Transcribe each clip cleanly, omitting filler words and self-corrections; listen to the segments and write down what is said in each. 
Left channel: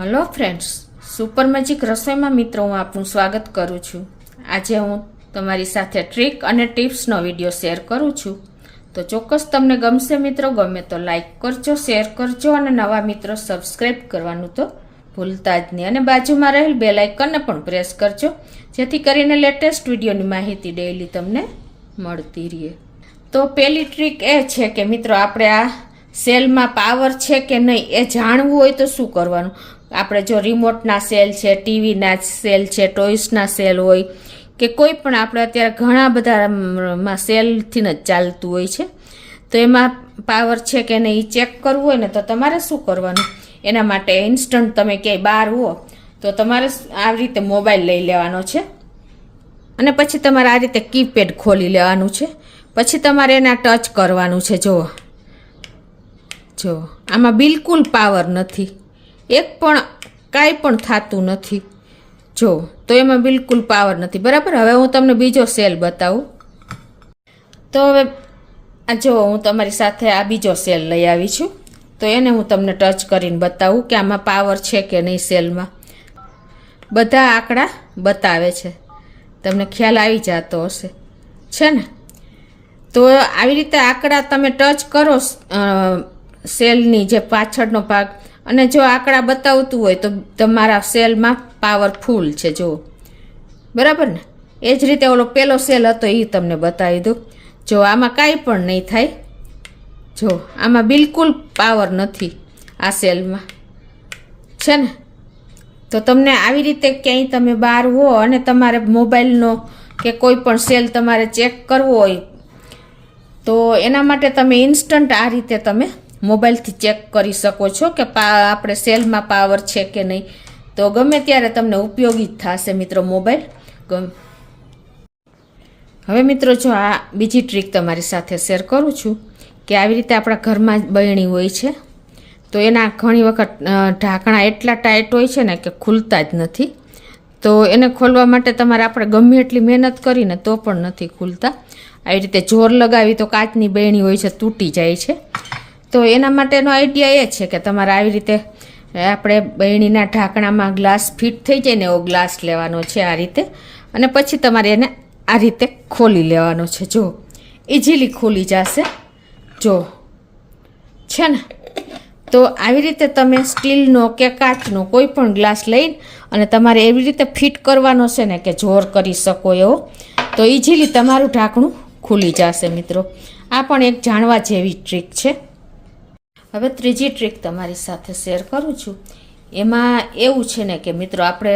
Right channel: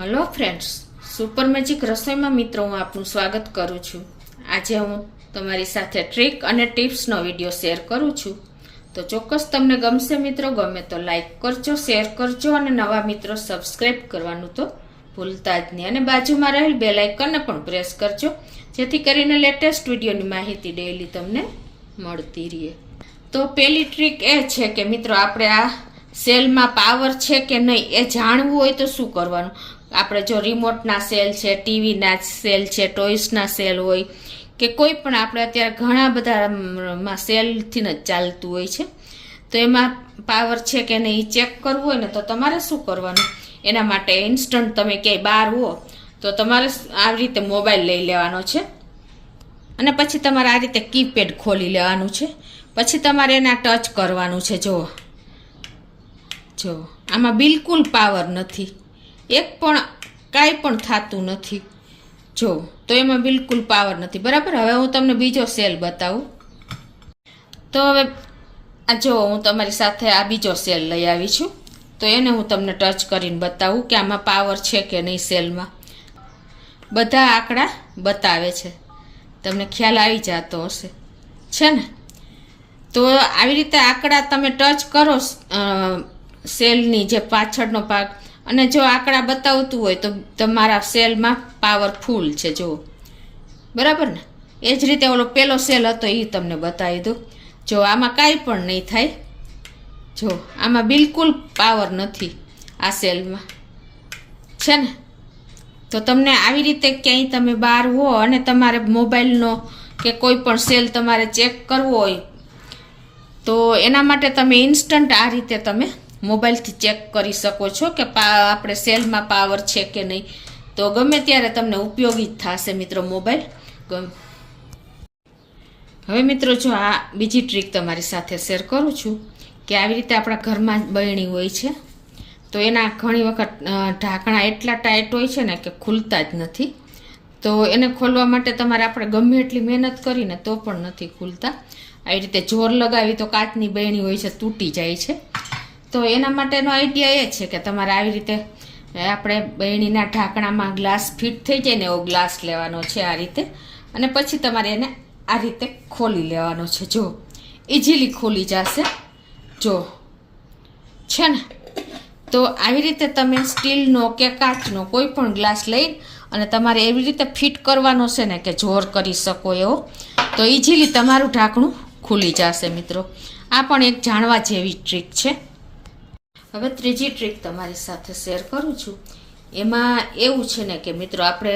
Hello friends, super magic રસોઈમાં મિત્રો હું આપનું સ્વાગત કરું છું. આજે હું તમારી સાથે ટ્રીક અને ટિપ્સનો વિડીયો શેર કરું છું. તો ચોક્કસ તમને ગમશે મિત્રો. ગમે તો લાઈક કરજો, શેર કરજો અને નવા મિત્રો સબસ્ક્રાઈબ કરવાનું તો ભૂલતા જ નહીં. અને બાજુમાં રહેલ બેલ આઇકનને પણ પ્રેસ કરજો, જેથી કરીને લેટેસ્ટ વિડીયોની માહિતી ડેઈલી તમને મળતી રહે. તો પહેલી ટ્રીક એ છે કે મિત્રો આપણે આ સેલમાં પાવર છે કે નહીં એ જાણવું હોય તો શું કરવાનું. આપણે જો રિમોટના સેલ છે, ટીવીના સેલ છે, ટોયસના સેલ હોય કે કોઈ પણ આપણે અત્યારે ઘણા બધામાં સેલથી જ ચાલતું હોય છે. તો એમાં પાવર છે કે નહીં ચેક કરવું હોય ને તો તમારે શું કરવાનું, એના માટે ઇન્સ્ટન્ટ તમે ક્યાંય બહાર હો તો તમારે આ રીતે મોબાઈલ લઈ લેવાનો છે અને પછી તમારે આ રીતે કીપેડ ખોલી લેવાનું છે. પછી તમારે એના ટચ કરવાનું છે. જો આમાં બિલકુલ પાવર નથી, એક પણ કાંઈ પણ થતું નથી. જો તો એમાં બિલકુલ પાવર નથી, બરાબર. હવે હું તમને બીજો સેલ બતાવું. તો હવે આ જો હું તમારી સાથે આ બીજો સેલ લઈ આવી છું. તો એને હું તમને ટચ કરીને બતાવું કે આમાં પાવર છે કે નહીં. સેલમાં બધા આંકડા બતાવે છે, તમને ખ્યાલ આવી જતો હશે છે ને. તો આવી રીતે આંકડા તમે ટચ કરો સેલની જે પાછળનો ભાગ, અને જો આંકડા બતાવતું હોય તો તમારા સેલમાં પાવર ફૂલ છે. જો બરાબર ને. એ જ રીતે ઓલો પેલો સેલ હતો એ તમને બતાવી દઉં. જો આમાં કાંઈ પણ નહીં થાય. જો આમાં બિલકુલ પાવર નથી આ સેલમાં છે ને. તો તમને આવી રીતે ક્યાંય તમે બહાર હો અને તમારે મોબાઈલનો કે કોઈ પણ સેલ તમારે ચેક કરવો હોય તો એના માટે તમે ઇન્સ્ટન્ટ આ રીતે તમે મોબાઈલથી ચેક કરી શકો છો કે આપણે સેલમાં પાવર છે કે નહીં. તો ગમે ત્યારે તમને ઉપયોગી થશે મિત્રો મોબાઈલ. હવે મિત્રો જો આ બીજી ટ્રીક તમારી સાથે શેર કરું છું કે આવી રીતે આપણા ઘરમાં બરણી હોય છે તો એના ઘણી વખત ઢાંકણા એટલા ટાઈટ હોય છે ને કે ખુલતા જ નથી. તો એને ખોલવા માટે તમારે આપણે ગમે એટલી મહેનત કરીને તો પણ નથી ખુલતા. આવી રીતે જોર લગાવી તો કાચની બરણી હોય છે તૂટી જાય છે. તો એના માટેનો આઈડિયા એ છે કે તમારે આવી રીતે આપણે બરણીના ઢાંકણામાં ગ્લાસ ફિટ થઈ જાય ને એવો ગ્લાસ લેવાનો છે આ રીતે, અને પછી તમારે એને આ રીતે ખોલી લેવાનો છે. જો ઇઝીલી ખોલી જશે. જો છે ને. તો આવી રીતે તમે સ્ટીલનો કે કાચનો કોઈ પણ ગ્લાસ લઈ અને તમારે એવી રીતે ફિટ કરવાનો છે ને કે જોર કરી શકો એવો, તો ઇઝીલી તમારું ઢાંકણું ખુલી જશે મિત્રો. આ પણ એક જાણવા જેવી ટ્રીક છે. હવે ત્રીજી ટ્રીક તમારી સાથે શેર કરું છું. એમાં એવું છે ને કે મિત્રો આપણે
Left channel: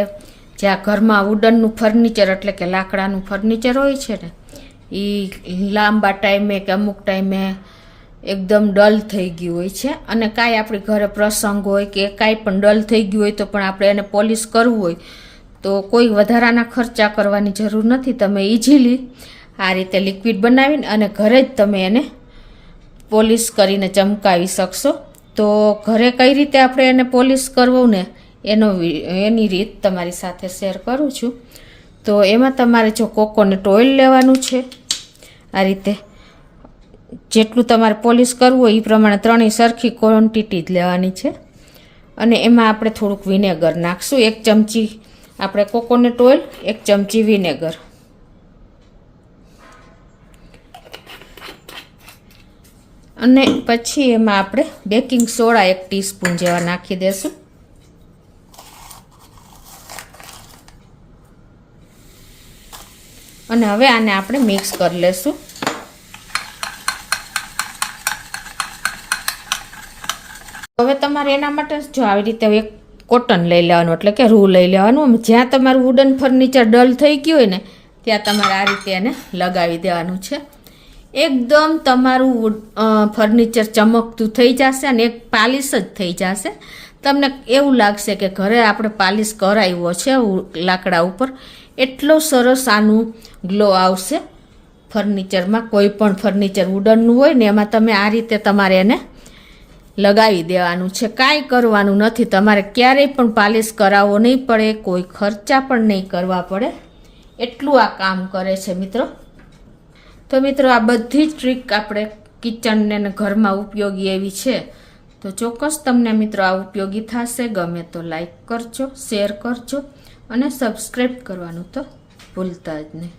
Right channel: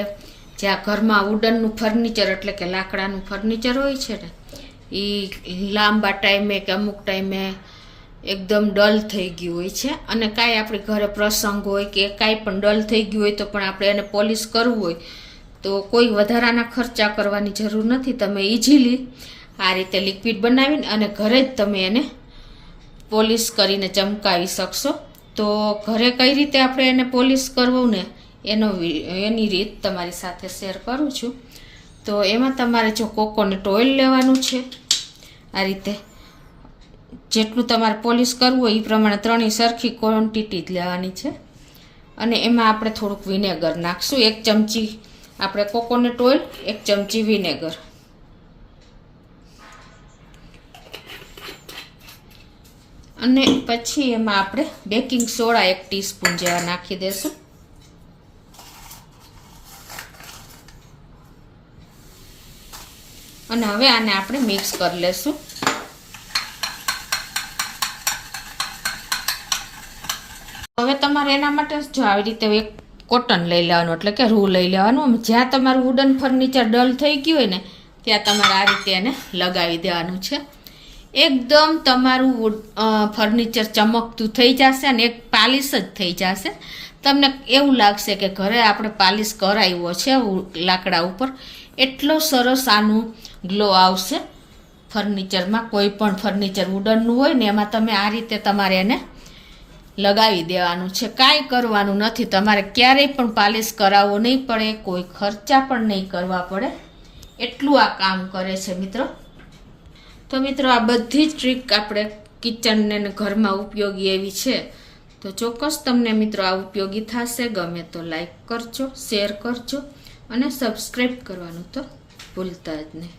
જ્યાં ઘરમાં વુડનનું ફર્નિચર એટલે કે લાકડાનું ફર્નિચર હોય છે ને એ લાંબા ટાઈમે કે અમુક ટાઈમે એકદમ ડલ થઈ ગયું હોય છે, અને કાંઈ આપણી ઘરે પ્રસંગ હોય કે કાંઈ પણ ડલ થઈ ગયું હોય તો પણ આપણે એને પોલિશ કરવું હોય તો કોઈ વધારાના ખર્ચા કરવાની જરૂર નથી. તમે ઇઝીલી આ રીતે લિક્વિડ બનાવીને અને ઘરે જ તમે એને પોલિશ કરીને ચમકાવી શકશો. તો ઘરે કઈ રીતે આપણે એને પોલિશ કરવું ને એની રીત તમારી સાથે શેર કરું છું. તો એમાં તમારે જો કોકોનટ ઓઇલ લેવાનું છે. આ રીતે જેટલું તમારે પોલિશ કરવું હોય એ પ્રમાણે ત્રણેય સરખી ક્વોન્ટિટી જ લેવાની છે. અને એમાં આપણે થોડુંક વિનેગર નાખશું. 1 ચમચી આપણે કોકોનટ ઓઇલ, 1 ચમચી વિનેગર. અને પછી એમાં આપણે બેકિંગ સોડા 1 ટીસ્પૂન જેવા નાખી દેશું. અને હવે આને આપણે મિક્સ કરી લેશું. હવે તમારે એના માટે જો આવી રીતે એક કોટન લઈ લેવાનું એટલે કે રૂ લઈ લેવાનું. જ્યાં તમારું વુડન ફર્નિચર ડલ થઈ ગયું હોય ને ત્યાં તમારે આ રીતે એને લગાવી દેવાનું છે. એકદમ તમારું ફર્નિચર ચમકતું થઈ જશે અને એક પાલિશ જ થઈ જશે. તમને એવું લાગશે કે ઘરે આપણે પાલિશ કરાવ્યો છે લાકડા ઉપર. એટલો સરસ આનું ગ્લો આવશે ફર્નિચરમાં. કોઈ પણ ફર્નિચર વુડનનું હોય ને એમાં તમે આ રીતે તમારે એને લગાવી દેવાનું છે. કાંઈ કરવાનું નથી. તમારે ક્યારેય પણ પાલિશ કરાવવો નહીં પડે, કોઈ ખર્ચા પણ નહીં કરવા પડે. એટલું આ કામ કરે છે મિત્રો. તો મિત્રો આ બધી જ ટ્રીક આપણે કિચનને ઘરમાં ઉપયોગી એવી છે. તો ચોક્કસ તમને મિત્રો આ ઉપયોગી થશે. ગમે તો લાઈક કરજો, શેર કરજો અને સબસ્ક્રાઈબ કરવાનું તો ભૂલતા જ નહીં.